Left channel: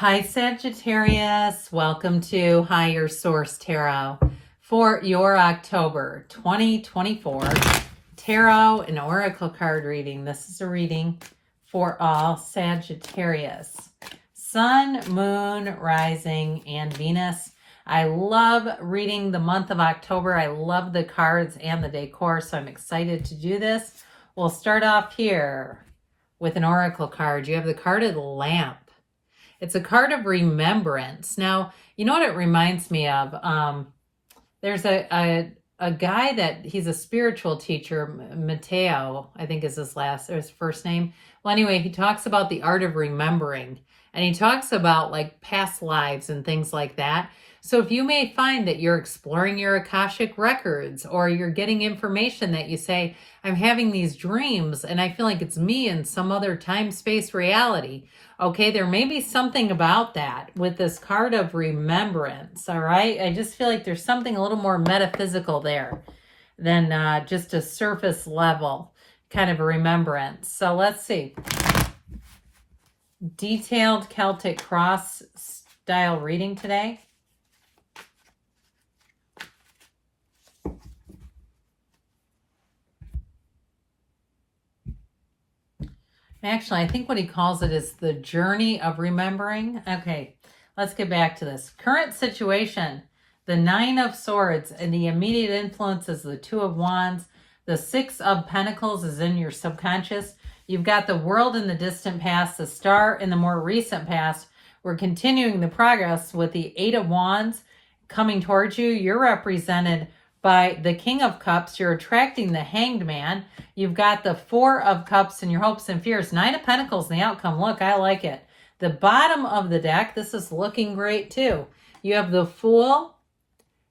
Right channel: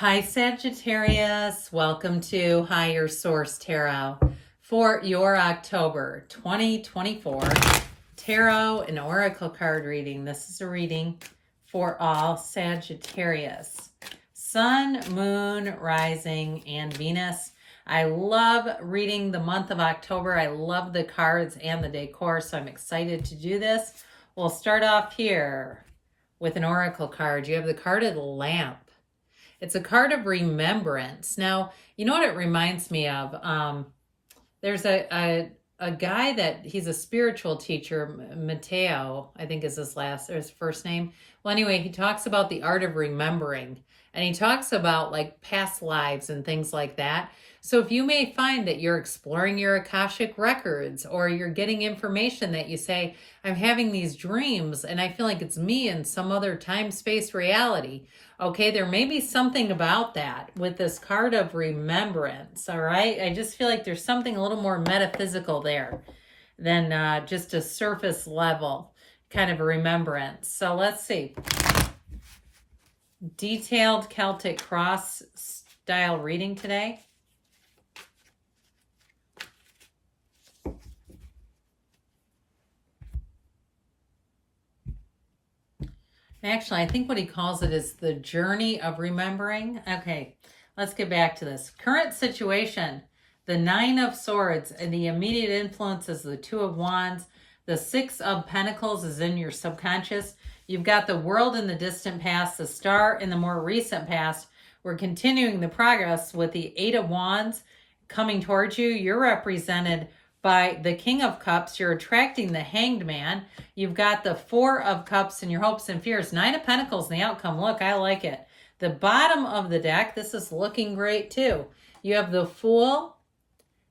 Hi Sagittarius, welcome to Higher Source Tarot for your October 2024 Tarot and Oracle card reading. This is a reading for all Sagittarius. Sun, Moon, Rising, and Venus. I love reading the month of October. I love the cards and the decor, so I'm excited to do this. We'll start off here with an Oracle card. You have the card of the Lamp. It's a card of remembrance. Now, you know what it reminds me of? There's a guy that he's a spiritual teacher, Mateo, I think is his first name. Well, anyway, he talks about the art of remembering, and he talks about like past lives and things like that. So if you may find that you're exploring your Akashic records, or you're getting information that you say, I'm having these dreams and I feel like it's me in some other time-space reality. Okay, there may be something about that with this card of remembrance, all right? I just feel like there's something a little more metaphysical there than just a surface level kind of a remembrance. So let's see. Detailed Celtic cross style reading today. Actually, I think what he calls it is the journey of remembering. Okay, let's get back to this. Current situation, the Nine of Swords, and the immediate influence is the Two of Wands. The Six of Pentacles is in your subconscious. You've got the World in the distant past, the Star in the more recent past. We're continuing the progress with the Eight of Wands coming towards you. You're represented by the King of Cups. You're attracting the Hanged Man. You've got the Four of Cups and your hopes and fears. Nine of Pentacles in the outcome. Look, I like it. The bottom of the deck, this is looking great too. You have the Fool,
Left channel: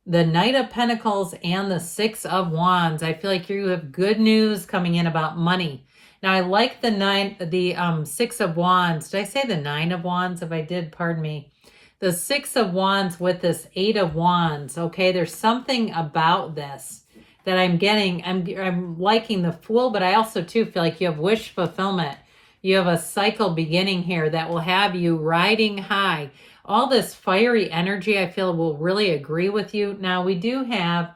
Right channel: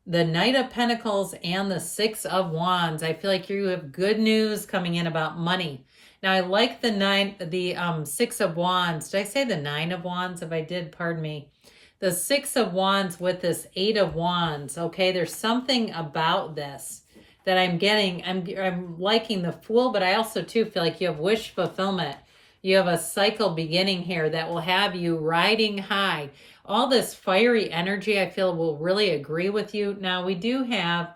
the Knight of Pentacles, and the Six of Wands. I feel like you have good news coming in about money. Now, I like the Six of Wands. Did I say the Nine of Wands? If I did, pardon me. The Six of Wands with this Eight of Wands. Okay, there's something about this that I'm getting. I'm liking the Fool, but I also too feel like you have wish fulfillment. You have a cycle beginning here that will have you riding high. All this fiery energy I feel will really agree with you. Now, we do have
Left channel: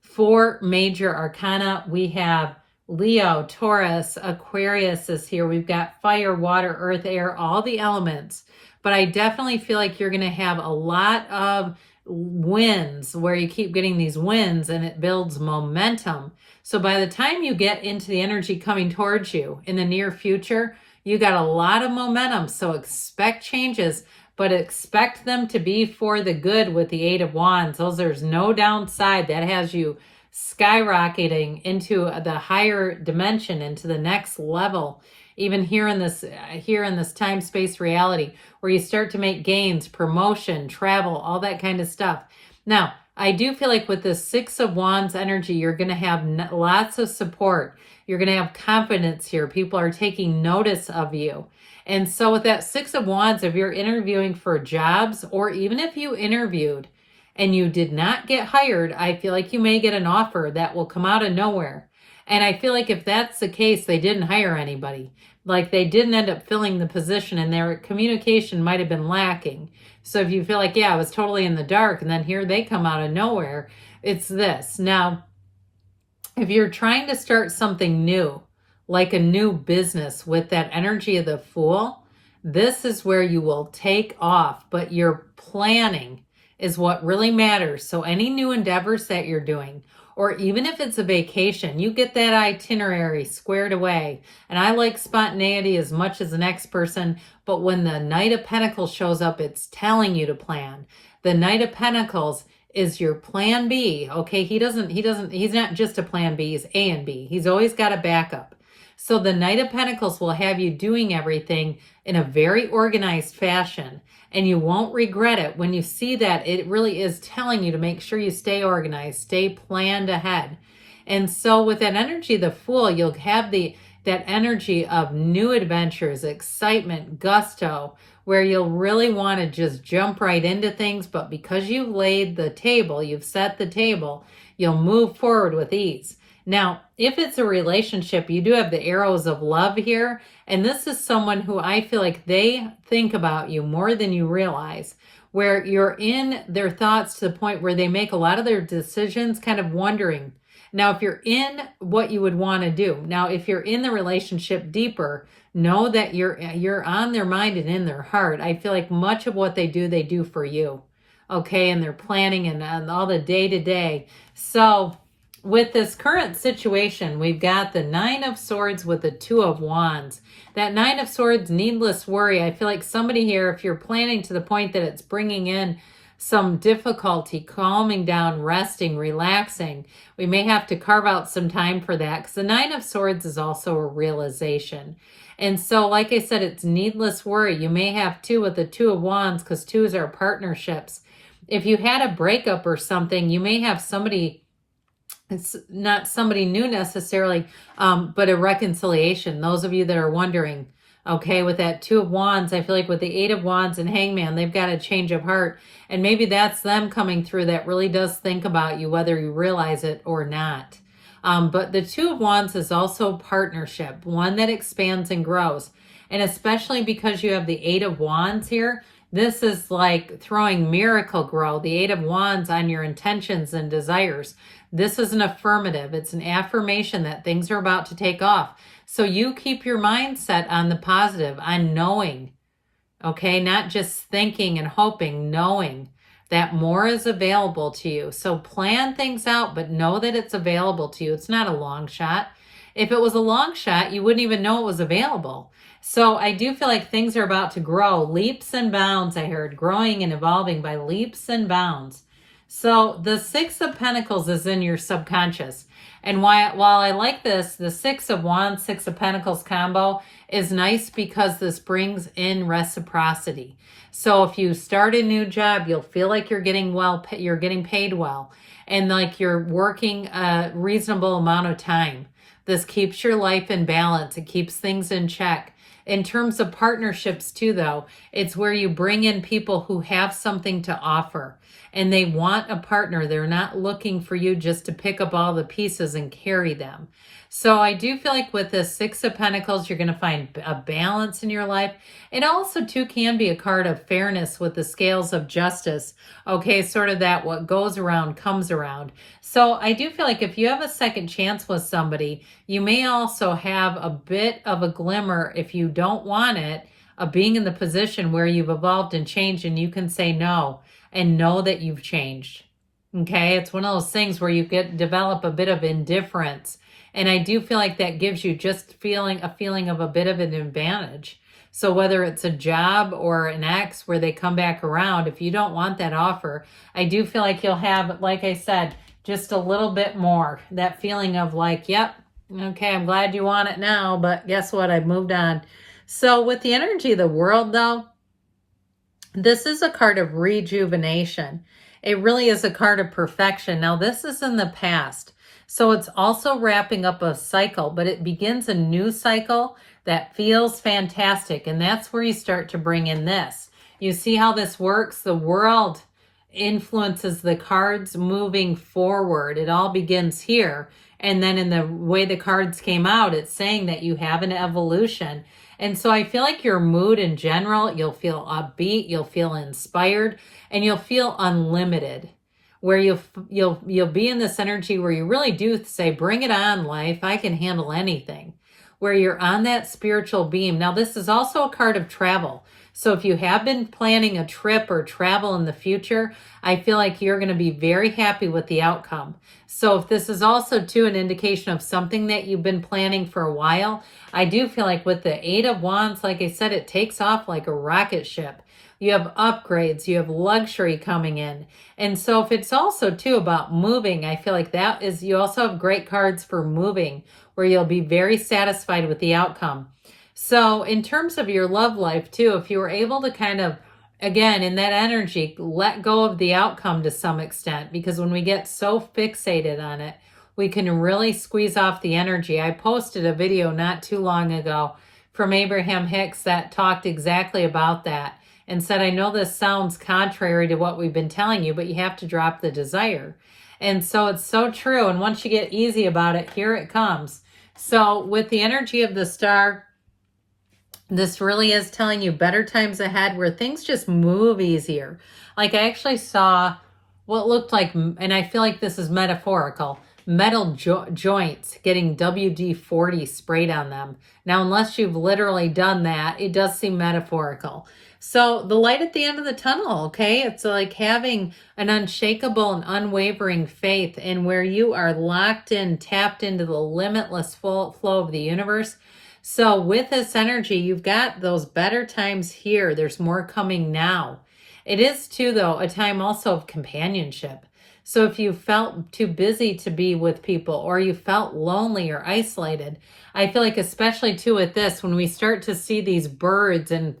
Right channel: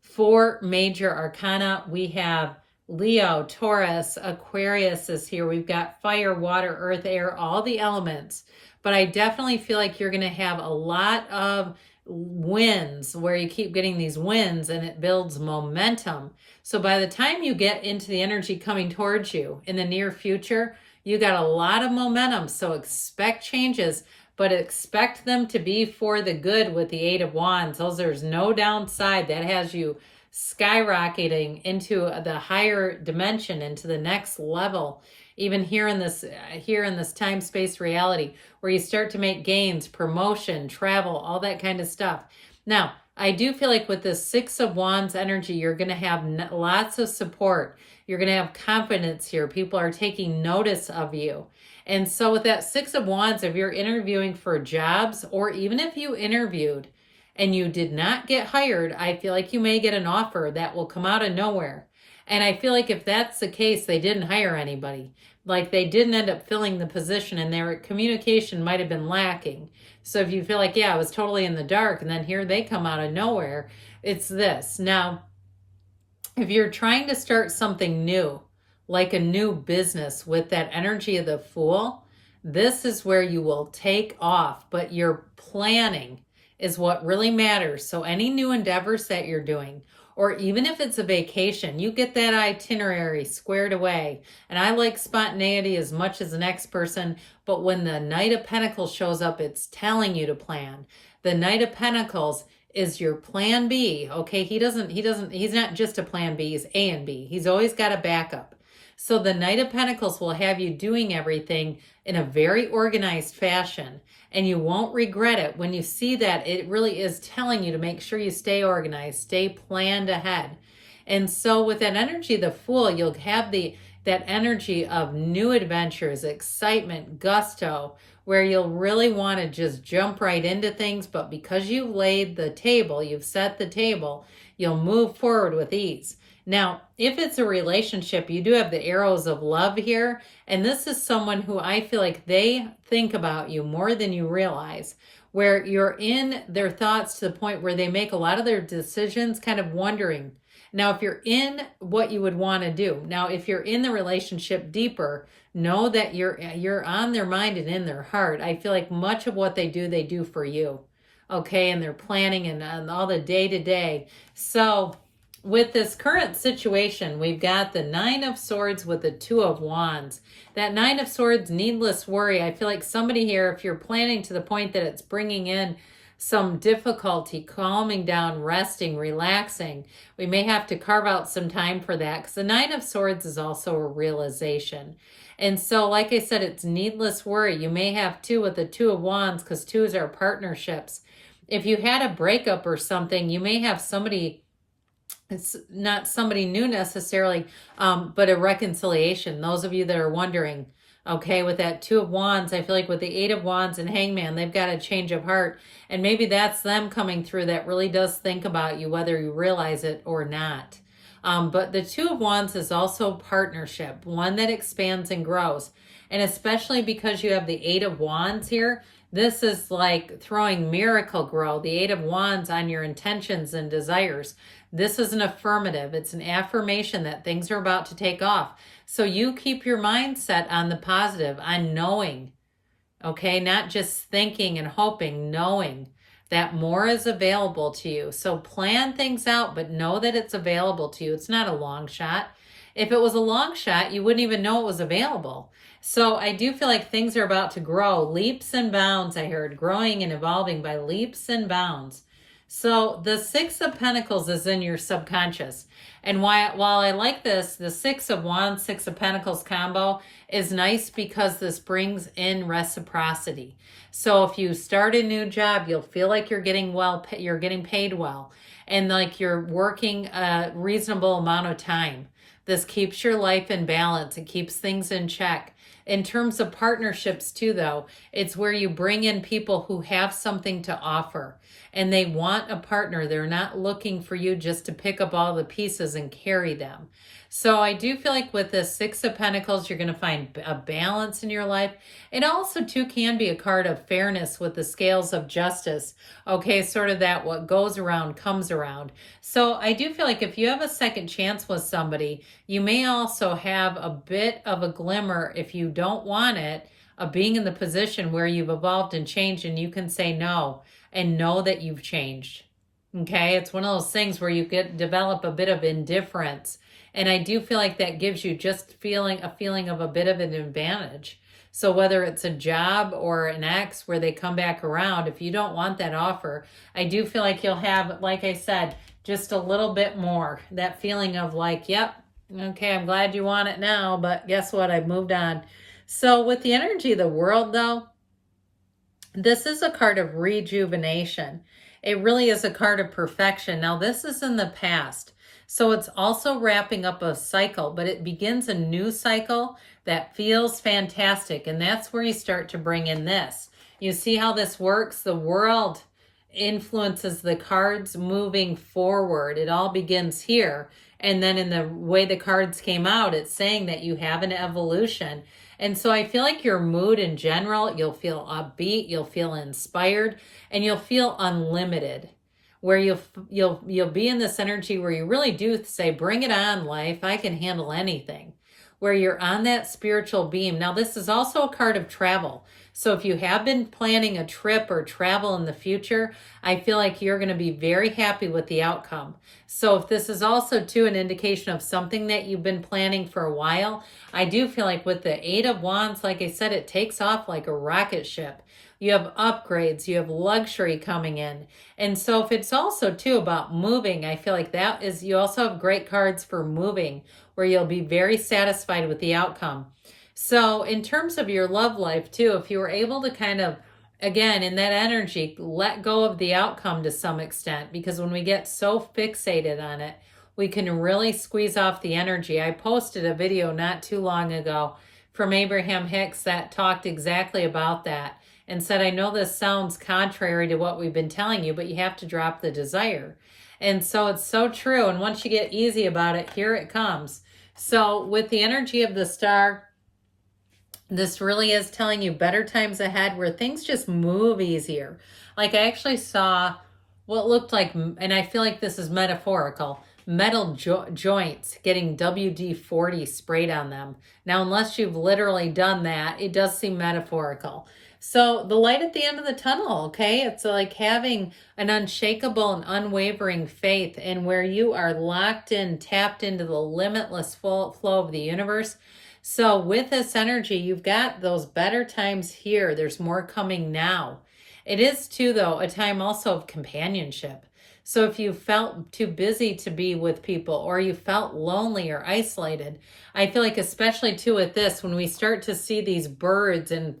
4 major arcana. We have Leo, Taurus, Aquarius is here. We've got fire, water, earth, air, all the elements. But I definitely feel like you're going to have a lot of wins where you keep getting these wins and it builds momentum. So by the time you get into the energy coming towards you in the near future, you got a lot of momentum. So expect changes, but expect them to be for the good with the Eight of Wands. There's no downside. That has you skyrocketing into the higher dimension, into the next level. Even here in this time-space reality where you start to make gains, promotion, travel, all that kind of stuff. Now, I do feel like with the Six of Wands energy, you're going to have lots of support. You're going to have confidence here. People are taking notice of you. And so with that Six of Wands, if you're interviewing for jobs, or even if you interviewed and you did not get hired, I feel like you may get an offer that will come out of nowhere. And I feel like if that's the case, they didn't hire anybody. Like they didn't end up filling the position and their communication might have been lacking. So if you feel like, yeah, I was totally in the dark and then here they come out of nowhere, it's this. Now, if you're trying to start something new, like a new business with that energy of the Fool, this is where you will take off, but your planning is what really matters. So any new endeavors that you're doing, or even if it's a vacation, you get that itinerary squared away. And I like spontaneity as much as the next person, but when the Knight of Pentacles shows up, it's telling you to plan. The Knight of Pentacles is your plan B. Okay, he's not just a plan B, he's A and B. He's always got a backup. So the Knight of Pentacles will have you doing everything in a very organized fashion. And you won't regret it when you see that it really is telling you to make sure you stay organized, stay planned ahead. And so with that energy, the Fool, you'll have that energy of new adventures, excitement, gusto, where you'll really want to just jump right into things. But because you've laid the table, you've set the table, you'll move forward with ease. Now, if it's a relationship, you do have the arrows of love here. And this is someone who I feel like they think about you more than you realize, where you're in their thoughts to the point where they make a lot of their decisions kind of wondering. Now, if you're in what you would want to do, now, if you're in the relationship deeper, know that you're on their mind and in their heart. I feel like much of what they do for you. Okay, and they're planning and all the day to day. So with this current situation, we've got the Nine of Swords with the Two of Wands. That Nine of Swords, needless worry. I feel like somebody here, if you're planning to the point that it's bringing in some difficulty, calming down, resting, relaxing, we may have to carve out some time for that, because the Nine of Swords is also a realization. And so, like I said, it's needless worry. You may have two with the Two of Wands, because twos are partnerships. If you had a breakup or something, you may have somebody, it's not somebody new necessarily, but a reconciliation. Those of you that are wondering, okay, with that Two of Wands, I feel like with the Eight of Wands and Hangman, they've got a change of heart. And maybe that's them coming through that really does think about you, whether you realize it or not. But the Two of Wands is also partnership, one that expands and grows. And especially because you have the Eight of Wands here, this is like throwing miracle grow, the Eight of Wands, on your intentions and desires. This is an affirmative. It's an affirmation that things are about to take off. So you keep your mindset on the positive, on knowing, okay? Not just thinking and hoping, knowing that more is available to you. So plan things out, but know that it's available to you. It's not a long shot. If it was a long shot, you wouldn't even know it was available. So I do feel like things are about to grow. Leaps and bounds, I heard. Growing and evolving by leaps and bounds. So the Six of Pentacles is in your subconscious. And while I like this, the Six of Wands, Six of Pentacles combo is nice because this brings in reciprocity. So if you start a new job, you'll feel like you're getting paid well, and like you're working a reasonable amount of time. This keeps your life in balance. It keeps things in check. In terms of partnerships too, though, it's where you bring in people who have something to offer and they want a partner. They're not looking for you just to pick up all the pieces and carry them. So I do feel like with this Six of Pentacles, you're going to find a balance in your life. It also too can be a card of fairness with the scales of justice. Okay, sort of that what goes around comes around. So I do feel like if you have a second chance with somebody, you may also have a bit of a glimmer, if you don't want it, of being in the position where you've evolved and changed and you can say no and know that you've changed. Okay, it's one of those things where you develop a bit of indifference. And I do feel like that gives you just a feeling of a bit of an advantage. So whether it's a job or an ex where they come back around, if you don't want that offer, I do feel like you'll have, like I said, just a little bit more. That feeling of like, yep, okay, I'm glad you want it now, but guess what? I've moved on. So with the energy of the world, though, this is a card of rejuvenation. It really is a card of perfection. Now, this is in the past. So it's also wrapping up a cycle, but it begins a new cycle that feels fantastic. And that's where you start to bring in this. You see how this works? The world influences the cards moving forward. It all begins here. And then in the way the cards came out, it's saying that you have an evolution. And so I feel like your mood in general, you'll feel upbeat, you'll feel inspired, and you'll feel unlimited. Where you'll be in this energy where you really do say, bring it on, life. I can handle anything. Where you're on that spiritual beam. Now, this is also a card of travel. So if you have been planning a trip or travel in the future, I feel like you're going to be very happy with the outcome. So if this is also too an indication of something that you've been planning for a while, I do feel like with the Eight of Wands, like I said, it takes off like a rocket ship. You have upgrades, you have luxury coming in. And so if it's also too about moving, I feel like that is, you also have great cards for moving where you'll be very satisfied with the outcome. So in terms of your love life too, if you were able to kind of, again, in that energy, let go of the outcome to some extent, because when we get so fixated on it, we can really squeeze off the energy. I posted a video not too long ago from Abraham Hicks that talked exactly about that. And said, I know this sounds contrary to what we've been telling you, but you have to drop the desire. And so it's so true. And once you get easy about it, here it comes. So with the energy of the star, this really is telling you better times ahead where things just move easier. Like I actually saw what looked like, and I feel like this is metaphorical, metal joints getting WD-40 sprayed on them. Now, unless you've literally done that, it does seem metaphorical. So the light at the end of the tunnel, okay? It's like having an unshakable and unwavering faith in where you are locked in, tapped into the limitless flow of the universe. So with this energy, you've got those better times here. There's more coming now. It is too, though, a time also of companionship. So if you felt too busy to be with people, or you felt lonely or isolated, I feel like especially too with this, when we start to see these birds and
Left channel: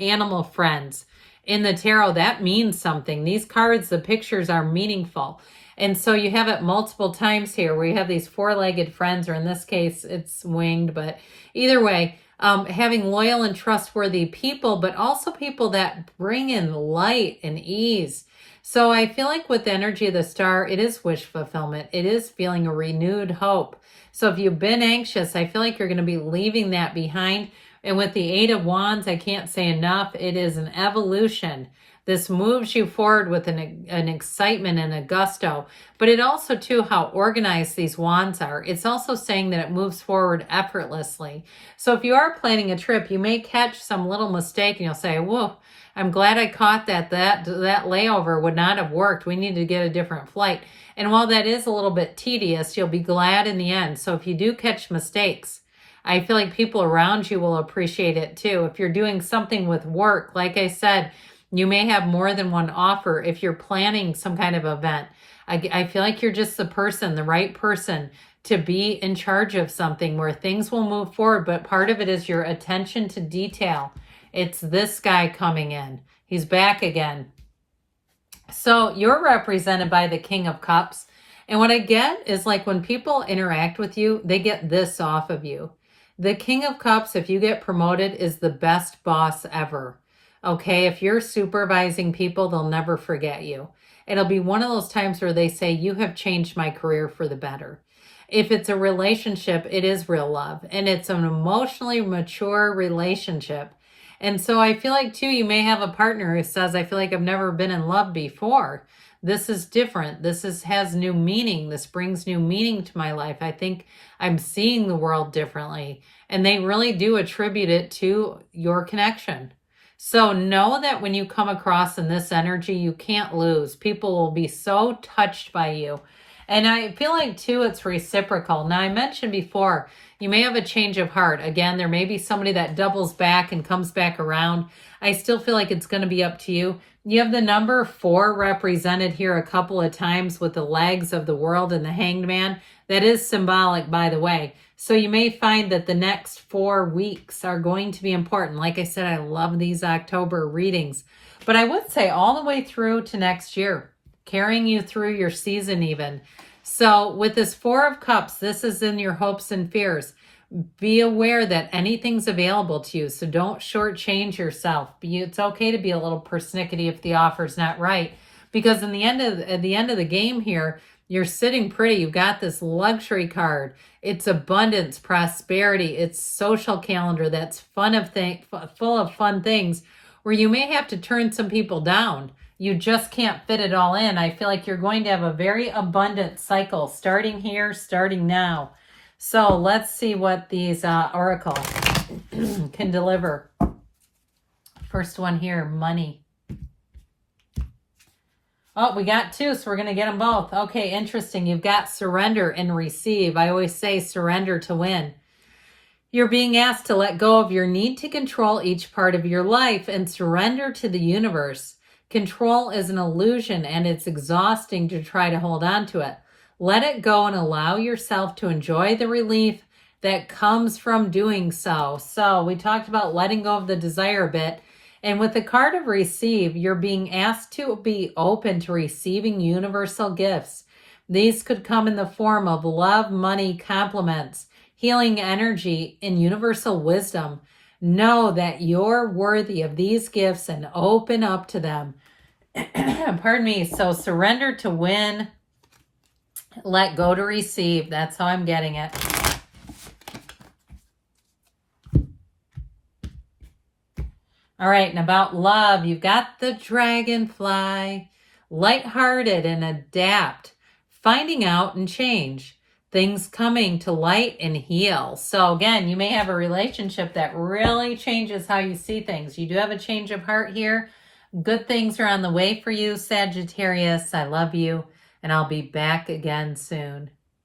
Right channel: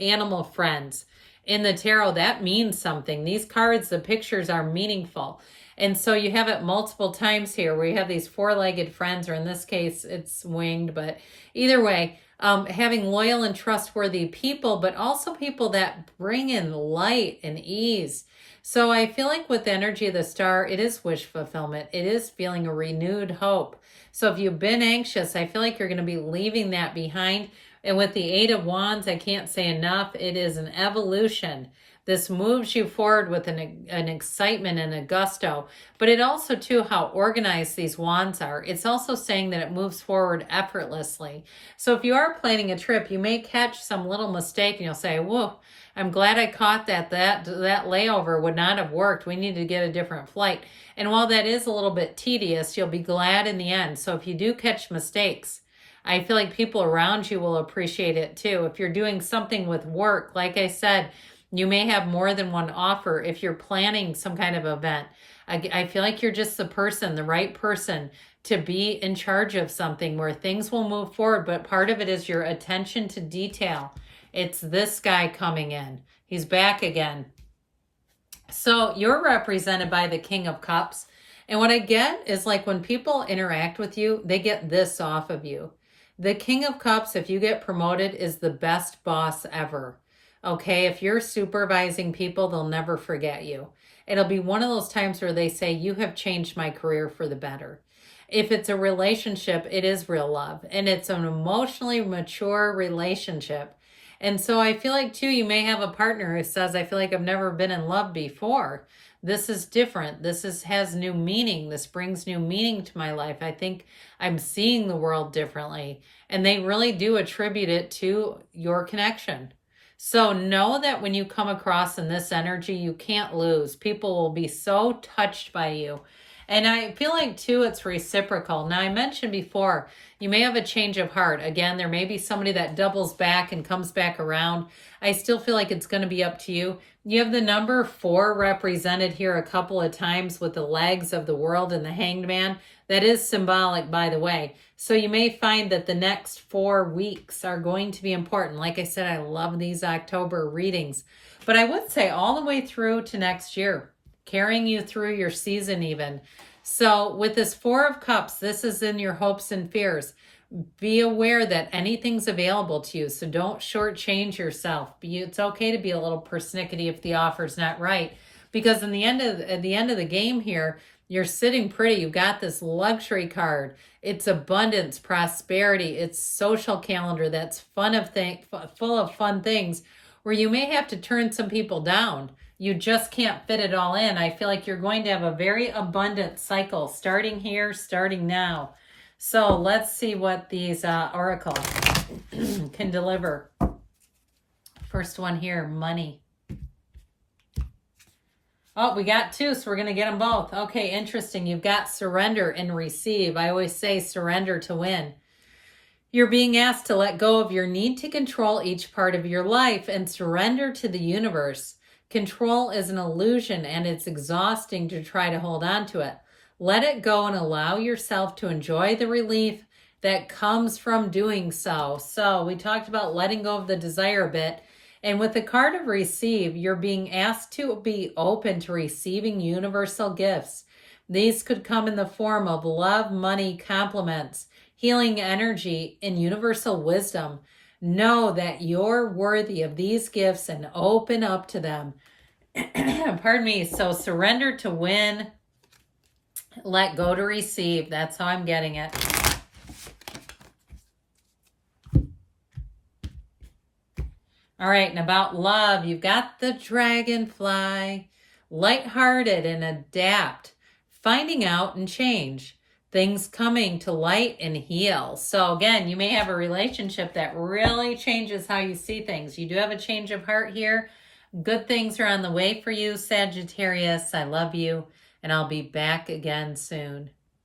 animal friends in the tarot, that means something. These cards, the pictures are meaningful. And so you have it multiple times here where you have these four-legged friends, or in this case, it's winged, but either way, having loyal and trustworthy people, but also people that bring in light and ease. So I feel like with the energy of the star, it is wish fulfillment. It is feeling a renewed hope. So if you've been anxious, I feel like you're going to be leaving that behind. And with the Eight of Wands, I can't say enough. It is an evolution. This moves you forward with an excitement and a gusto, but it also too how organized these wands are. It's also saying that it moves forward effortlessly. So if you are planning a trip, you may catch some little mistake and you'll say, whoa, I'm glad I caught that layover would not have worked. We need to get a different flight. And while that is a little bit tedious, you'll be glad in the end. So if you do catch mistakes, I feel like people around you will appreciate it too. If you're doing something with work, like I said, you may have more than one offer. If you're planning some kind of event, I feel like you're just the right person to be in charge of something where things will move forward. But part of it is your attention to detail. It's this guy coming in. He's back again. So you're represented by the King of Cups. And what I get is like when people interact with you, they get this off of you. The King of Cups, if you get promoted, is the best boss ever. Okay, if you're supervising people, they'll never forget you. It'll be one of those times where they say, you have changed my career for the better. If it's a relationship, it is real love. And it's an emotionally mature relationship. And so I feel like, too, you may have a partner who says, I feel like I've never been in love before. This is different. Has new meaning. This brings new meaning to my life. I think I'm seeing the world differently. And they really do attribute it to your connection. So know that when you come across in this energy, you can't lose. People will be so touched by you. And I feel like, too, it's reciprocal. Now, I mentioned before, you may have a change of heart. Again, there may be somebody that doubles back and comes back around. I still feel like it's going to be up to you. You have the number 4 represented here a couple of times with the legs of the world and the hanged man. That is symbolic, by the way. So you may find that the next 4 weeks are going to be important. Like I said, I love these October readings. But I would say all the way through to next year, carrying you through your season even. So with this 4 of Cups, this is in your hopes and fears. Be aware that anything's available to you. So don't shortchange yourself. It's okay to be a little persnickety if the offer's not right. Because at the end of the game here, you're sitting pretty. You've got this luxury card. It's abundance, prosperity. It's social calendar that's full of fun things where you may have to turn some people down. You just can't fit it all in. I feel like you're going to have a very abundant cycle starting here, starting now. So let's see what these oracles can deliver. First one here, money. Oh, we got 2, so we're going to get them both. Okay, interesting. You've got surrender and receive. I always say surrender to win. You're being asked to let go of your need to control each part of your life and surrender to the universe. Control is an illusion, and it's exhausting to try to hold on to it. Let it go and allow yourself to enjoy the relief that comes from doing so. So we talked about letting go of the desire a bit. And with the card of receive, you're being asked to be open to receiving universal gifts. These could come in the form of love, money, compliments, healing energy, and universal wisdom. Know that you're worthy of these gifts and open up to them. Pardon me. So surrender to win Let go to receive. That's how I'm getting it. All right, and about love, you've got the dragonfly. Lighthearted and adapt. Finding out and change. Things coming to light and heal. So again, you may have a relationship that really changes how you see things. You do have a change of heart here. Good things are on the way for you, Sagittarius. I love you, and I'll be back again soon.